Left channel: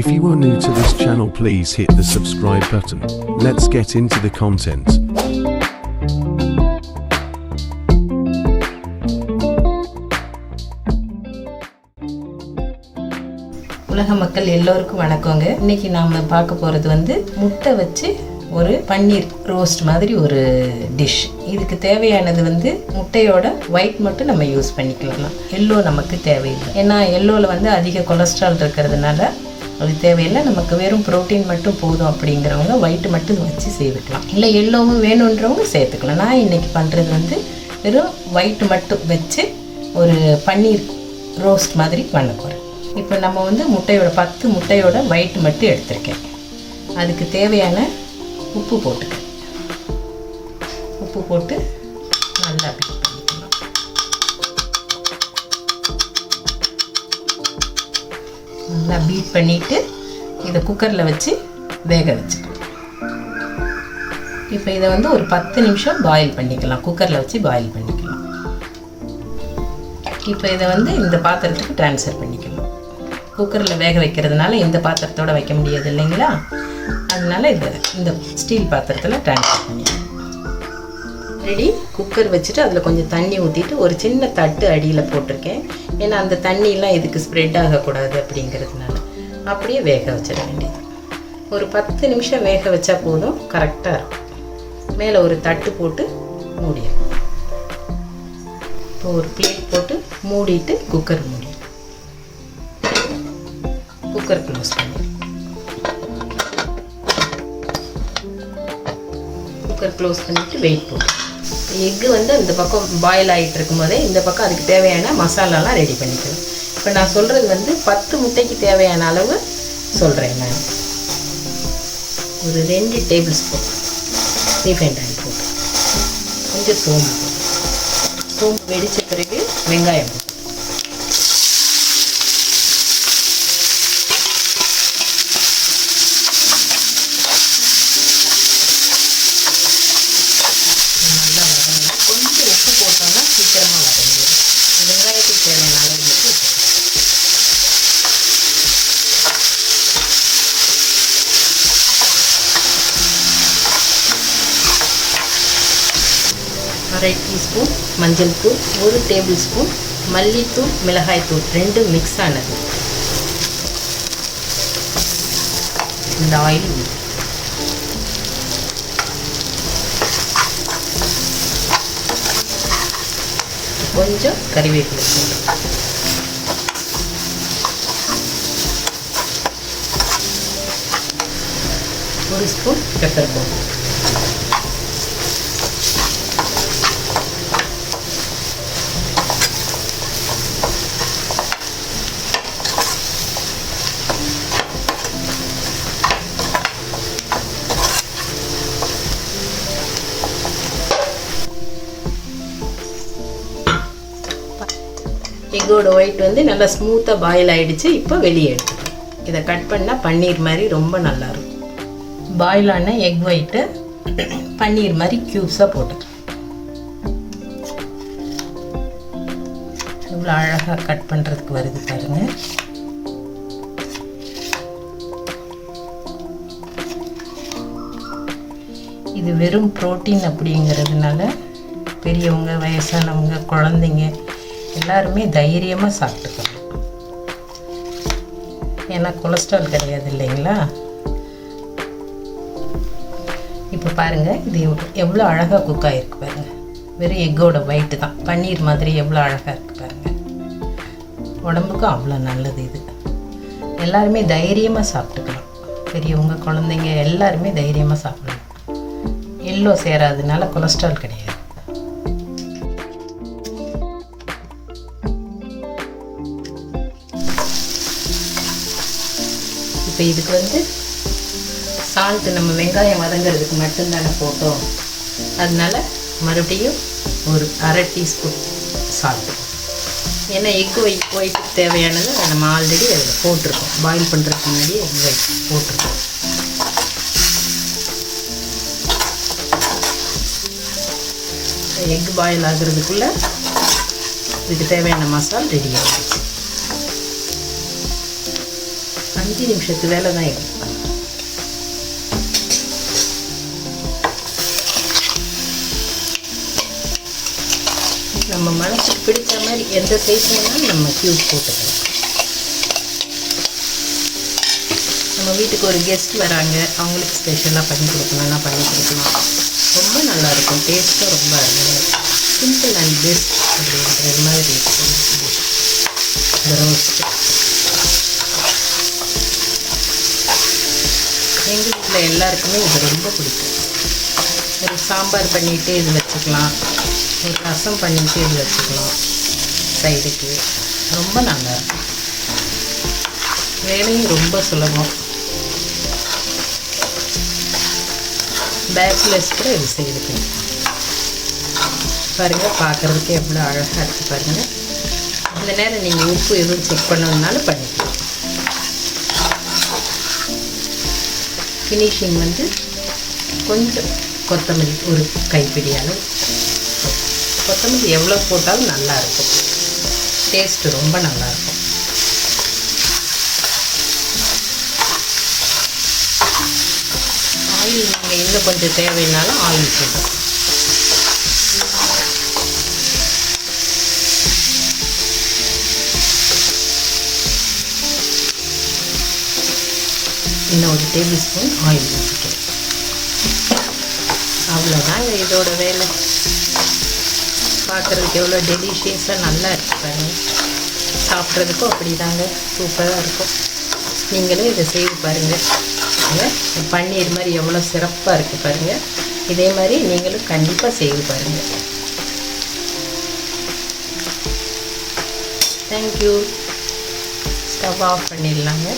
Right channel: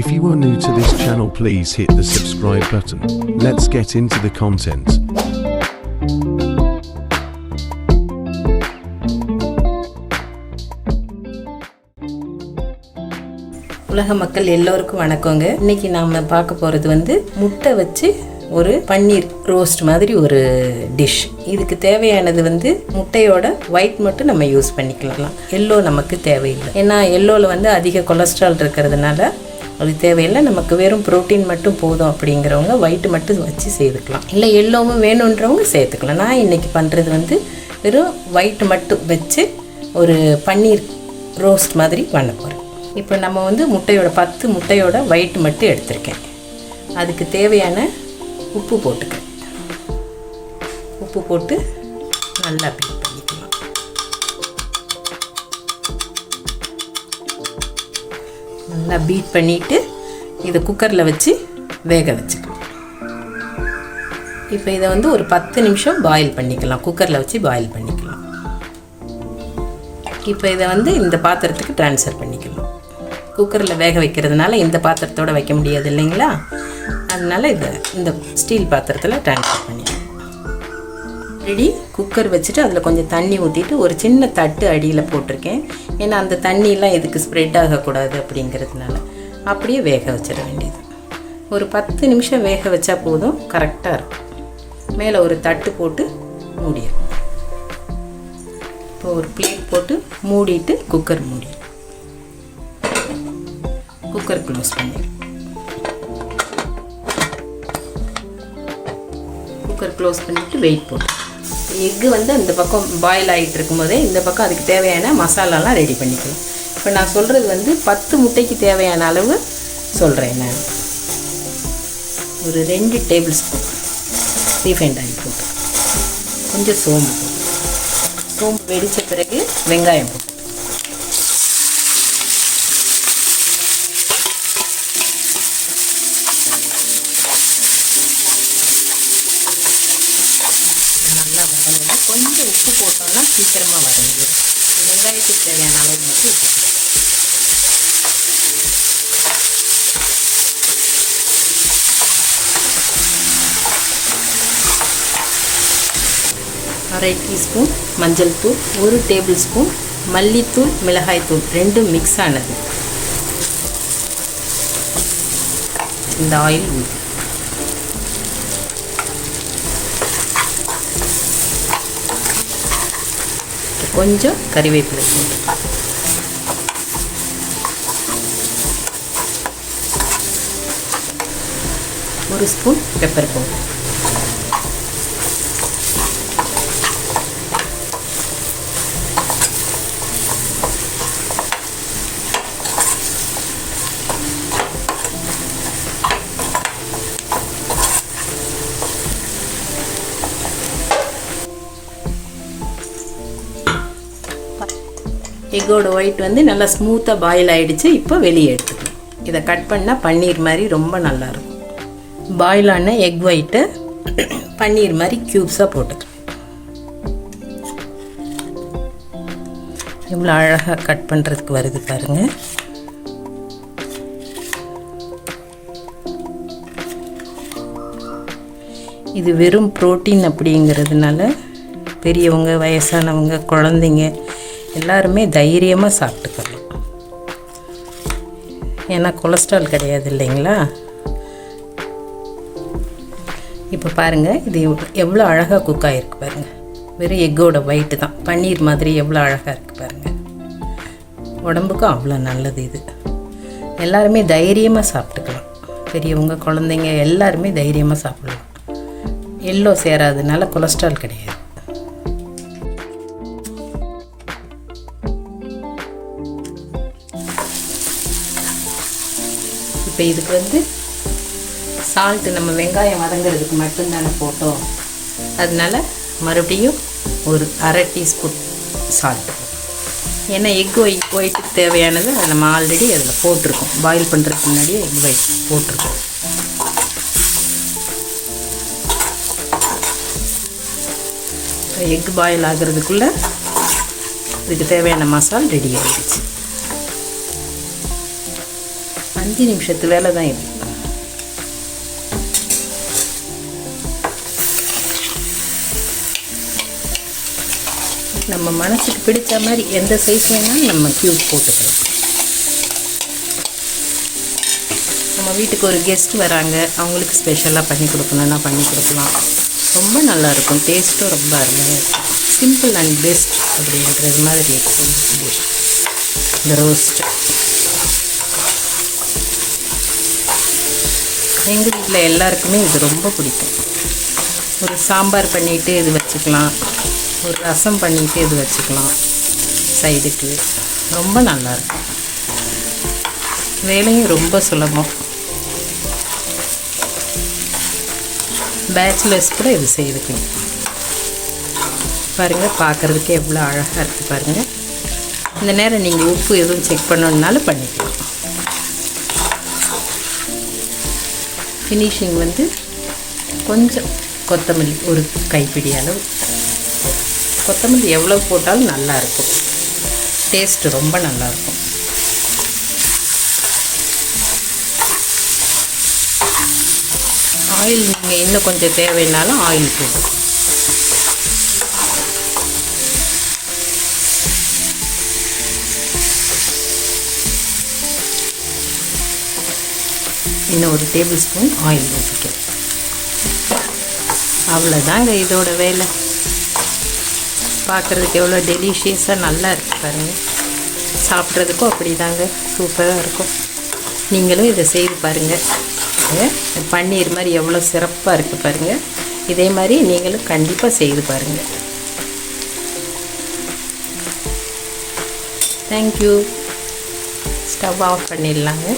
If you are new to this channel, please hit the subscribe button. Let's get into the content. உலக மக்கள் எல்லோருக்கும் வணக்கங்க. இன்னைக்கு நாம பார்க்க போறது முட்டை வச்சு ஒரு பன்னீர் ரோஸ்ட் மாதிரி ஒரு டிஷ். இதுக்கு தேவையானது முட்டையோட ஒயிட் மட்டும் நம்ம யூஸ் பண்ணிக்கலாம். எல்லோ நமக்கு தேவையில்லை. ஏன்னா எல்லோவில் அதிக கொலஸ்ட்ரால் இருக்கிறதுனால அது தேவையில்லை. நமக்கு வெறும் ப்ரோட்டீன் மட்டும் போதும் அப்படிங்கிறவங்க ஒயிட் மட்டும் வச்சு சேர்த்துக்கலாம். இல்லை எல்லோவும் வேணுன்றவங்க சேர்த்துக்கலாம். நான் இன்றைக்கி பண்ணுறது வெறும் ஒயிட் மட்டும் வச்சு ஒரு பன்னீர் ரோஸ்ட் மாதிரி பண்ண போகிறேன். இப்போ நம்ம முட்டையோட 10 முட்டையோட ஒயிட் மட்டும் எடுத்திருக்கேன். அதுக்கு தேவையான உப்பு போட்டுக்கிறேன். உப்பு போட்டு நல்லா பீட் பண்ணிக்கலாம். நல்லா பீட் பண்ணிவிட்டு இதை குக்கரில் வச்சு வேக வச்சுக்கலாம். இப்போ இதை ஒரு 10 நிமிஷம் பாயில் பண்ணிக்கலாம். குக்கரில் வச்சு பாயில் பண்ணிக்கலாம். இப்போ இதை இந்த பாத்திரத்துக்கு ட்ரான்ஸ்ஃபர் பண்ணிக்கலாம். குக்கரில் வேக வைக்கிறதுனால இந்த பாத்திரத்தோடு வைக்க முடியாது இல்லைங்களா, அதனால் இந்த ஸ்டீல் பாத்திரத்தில் ட்ரான்ஸ்ஃபர் பண்ணிக்கலாம். ரெடி. குக்கர் வச்சுட்டு அதில் கொஞ்சம் தண்ணி ஊற்றிட்டு ஒரு சின்ன தட்டு அடியில் போட்டிருக்கேன். ஏன்னா அந்த தண்ணியெலாம் இதுக்கு ஸ்ப்ரெட் ஆகக்கூடாது அப்படிங்கிறதுனால அப்படியே வேக வச்சிட வேண்டியது. ஒரு 10 நிமிஷம் வேக வச்சா போதும், கரெக்டாக இருக்கும். மேலே ஒரு தட்டு போட்டு மூடிடும். இப்போ ஒரு பிளேட் போட்டு மூடிட்டு குக்கர் மூடி குக்கர் க்ளோஸ் பண்ணி குக்கர் க்ளோஸ் பண்ணிவிட்டு வெயிட் போட்டு எக்கு அந்த பக்கம் பாயில் ஆகிட்டு இருக்கும் போதே இந்த பக்கம் அதுக்கு தேவையான மசாலாலாம் ரெடி பண்ணிக்கணும். இப்போ நான் சொல்கிறது 10 முட்டைக்கு தேவையான அளவு சொல்கிறேன். நான் ஒரு 2 டேபிள் ஸ்பூன் ரீஃபைண்ட் ஆயில் போட்டு கொஞ்சம் சோம்பு வெடித்த பிறகு வெங்காயம் போட்டு நல்லா வதங்கி கொஞ்சம் உப்பு போட்டோம்னா சீக்கிரமாக வதங்கிடும். வெங்காயத்துக்கு தேவையான அளவு மட்டும் அரை டீஸ்பூன் மஞ்சள் தூள், 1 டேபிள் ஸ்பூன் மல்லித்தூள், மிளகாய்த்தூள் ரெண்டும் மிக்ஸ் ஆனது இந்த ஆயில் ஊற்றி கொஞ்சம் கறிவேப்பிலை, ஒரு ஸ்பூன் பெப்பர் பவுடர், எக்கோட ஒயிட் நல்லா ஸ்மூத்தாக பாயில் ஆகிடுச்சு. இப்போ வெளியே எடுத்துக்கலாம். இதை கட் பண்ணால் பன்னீர் மாதிரி ரொம்ப நல்லாயிருக்கும். பாயிலான எக் ஒயிட்டை பன்னீர் மாதிரி க்யூப்ஸாக போட்டுக்கலாம். எவ்வளோ அழகாக கட் பண்ணுறதுக்கு வருது பாருங்கள். இது வெறும் ப்ரோட்டீன் அப்படிங்கிறதுனால பெரியவங்க, வயசானவங்க, குழந்தைங்க எல்லாருமே தைரியமாக சாப்பிட்டுக்கலாம். ஏன்னா கொலஸ்ட்ரால் கிடையாது இல்லைங்களா. இப்போ பாருங்கள், இது எவ்வளோ அழகாக குக் ஆகிருக்கு பாருங்கள். வெறும் எக்கோட ஒயிட்டு தான் பன்னீர் மாதிரி எவ்வளோ அழகாக இருக்குது பாருங்கள். உடம்புக்கும் அவ்வளோ நல்லது. இது எல்லாருமே தைரியமாக சாப்பிட்டுக்கலாம். பெரியவங்க, குழந்தைங்க எல்லாருமே தைரியமாக சாப்பிடலாம். எல்லோ சேராததுனால கொலஸ்ட்ரால் கிடையாது. இப்போ இதுக்கு சால்ட்டு நம்ம வெங்காயம் வதங்கிறதுக்கு மட்டும்தானே போட்டோம். அதனால் மறுபடியும் ஒரு அரை டீஸ்பூன் சால்ட்டு. ஏன்னா எக்கு ஒயிட்டுக்கு தேவையானது நம்ம ஆல்ரெடி அதில் போட்டிருக்கோம். பாயில் பண்ணுறதுக்கு முன்னாடியே எக் ஒயிட் போட்டிருக்கோம். எக் பாயில் ஆகிறதுக்குள்ளே இதுக்கு தேவையான மசாலா ரெடி ஆகிடுச்சு. 5 நிமிஷத்து வேலை தான் இது. நம்ம மனசுக்கு பிடிச்ச மாதிரி எந்த சைஸ் வேணாலும் நம்ம க்யூப் போட்டுக்கலாம். நம்ம வீட்டுக்கு ஒரு கெஸ்ட் வராங்க, அவங்களுக்கு ஸ்பெஷலாக பண்ணி கொடுக்கணும்னா பண்ணி கொடுக்கலாம். ரொம்ப நல்லாயிருக்கும், டேஸ்ட்டும் ரொம்ப அருமையாக இருக்கும். சிம்பிள் அண்ட் பெஸ்ட் அப்படின்றது மாதிரி இருக்கும் இந்த ரோஸ்ட். எங்கள் வீட்டில் எல்லாருக்குமே இது ரொம்ப பிடிக்கும். ஒரு சாம்பார் பண்ணிவிட்டு இது வச்சுக்கலாம், ஒரு ரசம் பண்ணிவிட்டு இது வச்சுக்கலாம் சைடுக்கு. ரொம்ப நல்லாயிருக்கும், வேலையும் ரொம்ப சுலபம். பேச்சுலர்ஸ் கூட இது செய்துக்கணும். பாருங்கள், பார்க்குறதுக்கு எவ்வளோ அழகாக இருக்குது பாருங்கள். இந்த நேரம் நீங்கள் உப்பு எதுவும் செக் பண்ணணுன்னாலும் பண்ணிக்கலாம். ஃபினிஷிங் வந்து கொஞ்சம் கொத்தமல்லி, ஒரு கைப்பிடி அளவு கொத்தமல்லி எவ்வளோ போட்டாலும் நல்லாயிருக்கும், டேஸ்ட்டு ரொம்ப நல்லாயிருக்கும். ஆயில் நீங்கள் இன்னும் கொஞ்சம் தேவைன்னாலும் ஆயில் போடும். இன்னும் ஒரு டேபிள் ஸ்பூன் ஆயில் ஊற்றிக்கும். அவ்வளோதாங்க இதோட வேலை. பார்க்குறதுக்கு எவ்வளோ டெலிஷியஸாக நல்லா இருக்குது பாருங்கள். சாப்பிட்றதுக்கும் அப்படி தாங்க சூப்பராக இருக்கும். நீங்களும் இதை செய்து பாருங்கள். பன்னீர் மாதிரி எவ்வளோ சிறப்பாக இருக்குது பாருங்கள். இதே மாதிரி நீங்களும் கண்டிப்பாக செய்து பாருங்கள். தேங்க்யூ. ஸ்டவ் ஆஃப் பண்ணிடலாங்க.